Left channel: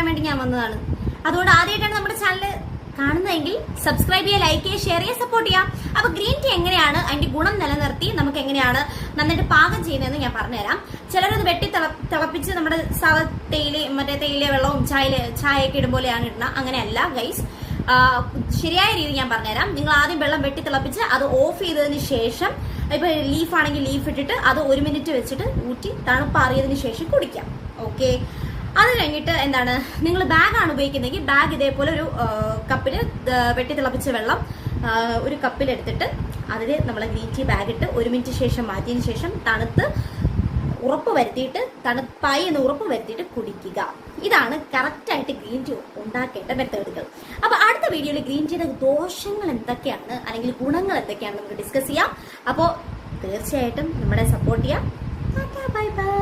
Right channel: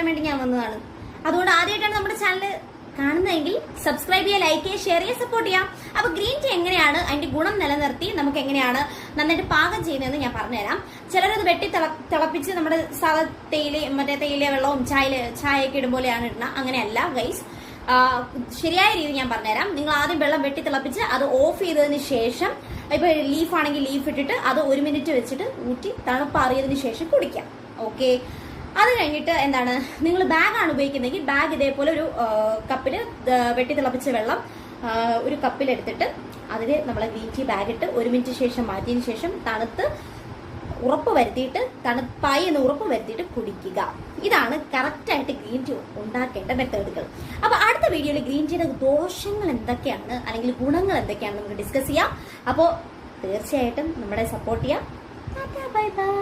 പറയാൻ വേണ്ടി ഞാൻ വന്നതാണ്. അതുകൊണ്ട് ആദ്യമായിട്ടാണ് നമ്മുടെ ചാനൽ കാണുന്നതെങ്കിൽ സബ്സ്ക്രൈബ് ചെയ്യുക, ലൈക്ക് ചെയ്യുക, ഷെയർ ചെയ്യുക, സപ്പോർട്ട് ചെയ്യാം. അപ്പൊ ഗ്രീൻ ടീ എങ്ങനെയാണ് അതിന്റെ ഗുണം നിലനിർത്തി നമുക്ക് എങ്ങനെയാണ് നന്നായിട്ട് പാകം ചെയ്യുന്നതെന്ന് ഞാൻ പറഞ്ഞുതരാം. ചിലരത് വെട്ടി തിളപ്പിച്ച് നമ്മുടെ തേയില വെള്ളവും ചായയൊക്കെ ഇടുമ്പോലെയാണ് ഇടുന്നത്. അങ്ങനെയല്ല ഗൈസ്, ശരിയായ രീതി ഞാൻ പറഞ്ഞുതരാം. നിങ്ങൾ ആദ്യം വെള്ളം വെട്ടി തിളപ്പിച്ച് അത് ഓഫ് ചെയ്തതിന് ശേഷം, ഇപ്പൊ ലീഫ് ആണെങ്കിൽ ലീഫ് ഇട്ടിട്ട് അത് 1 മിനിറ്റ് വെച്ചിട്ട് ഊറ്റി തണുപ്പാറിയതിനു ശേഷം കുടിക്കാം. ഓക്കെ, അത് കഴിഞ്ഞിട്ട് എന്താണ്, നിങ്ങൾ ബാഗാണ് ഉപയോഗിക്കുന്നതെങ്കിൽ ബാഗ് ഇതേപോലെ ഒരു കപ്പിൽ വെട്ടി തിളപ്പിച്ച വെള്ളം ഒരു കപ്പിലെടുത്തിട്ട് അതിൽ നമ്മളെ ഗ്രീൻ ടീ ബാഗ് ഇട്ട് 1 മിനിറ്റ് ശേഷം മാറ്റിയതിന് ശേഷം തണുപ്പായി എന്ന് ഉറപ്പ് വരുത്തിയിട്ട് കുടിക്കുക. ഇതാണ് കറക്റ്റായിട്ട് ഗ്രീൻ ടീ ഉണ്ടാക്കേണ്ട മെത്തേഡുകൾ. അപ്പൊ അടുത്ത വീഡിയോയിൽ ഗ്രീൻ ടീയുടെ ദോഷങ്ങൾ എന്തൊക്കെയാണ് അല്ലെങ്കിൽ ഗുണങ്ങൾ എന്തൊക്കെയാണ് നമുക്ക് ഡിസ്കസ് ചെയ്യാം. അപ്പോൾ തീർച്ചയായിട്ടും നമ്മളെ സപ്പോർട്ട് ചെയ്യാം. Bye bye.